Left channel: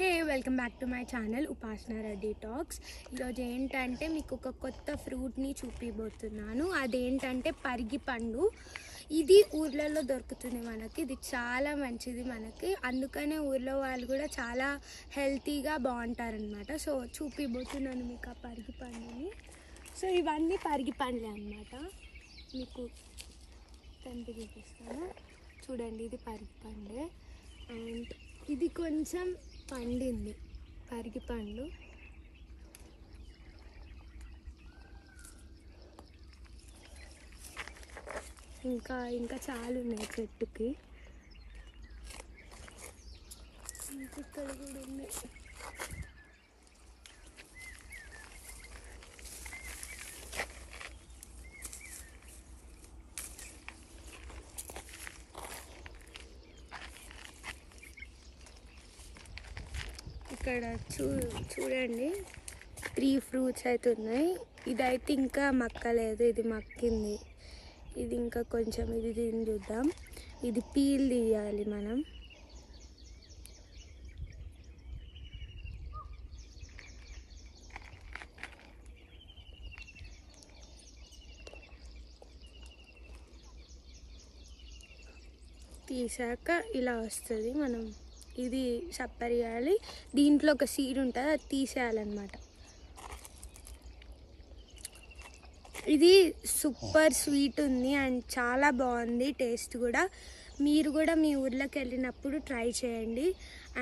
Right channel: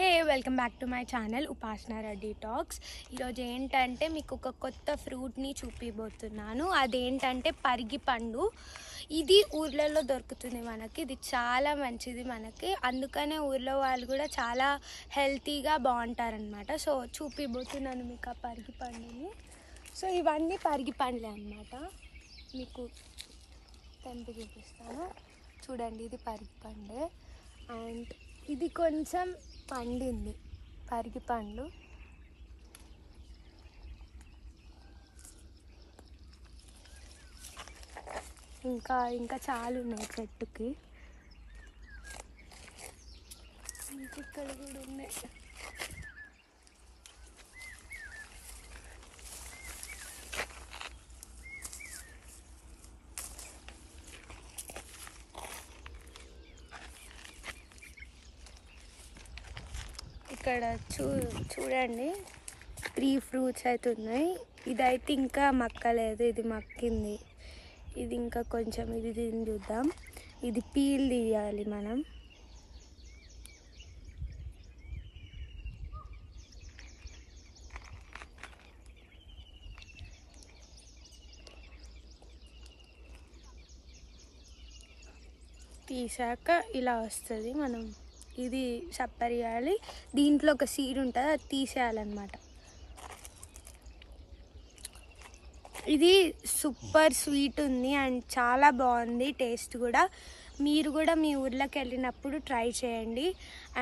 Hey welcome back to my channel ఉపాసన Reddy talks. ఈరోజు ఏంటంటే మీకు ఒక కొత్త ఫ్రూట్ని చూపిపోతున్నాను. అదేంటంటే పరిగి పండు. ఇది ఊర్లలో దొరుకుతుంది మనకి. ఇది చాలా మంచిది మనకి, అందుకనే ఊర్లో వాళ్ళు కూడా చాలా హెల్తీగా బాగుంటారనమాట. సో చూపిపోతున్నాను మీకు ఆ పరిగి పండుని. సో ఇవన్నీ పరిగి పండ్లే అనమాట. మీకు తెంపి చూపిస్తాను చూడండి. ఇది పరిగి పండే అండ్ ఇది కొంచెం పండింది పరిగి పండు. ఇంకా చాలా ఉన్నాయి చెట్టుకి. ఇక్కడ కూడా ఉన్నాయి. ఇక్కడ చూడండి 3 ఫ్రూట్స్ అయితే ఉన్నాయి. ఇదైతే ఇంకా మక్కలేదు, ఇది మక్కింది. ఇది ఇంకా కొంచెం ఇది తిని చూద్దాం. ఇది పీల్ తీయాలి మనం. తీసాక ఇలా వస్తుంది. మనం ఇది సప్పరియాలి. దీంట్లో ఒక సీడ్ ఉంటుంది, అది తీసేయాలన్నమాట. ఇది సూపర్ స్వీట్ ఉంది అండ్ చాలా బాగుంది టేస్ట్ కూడా. మీరు కూడా మీ ఊర్లోకి వెళ్ళినప్పుడు ట్రై చేయండి.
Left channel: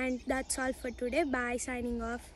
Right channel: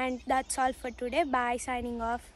And that's all for today. Bye, signing of.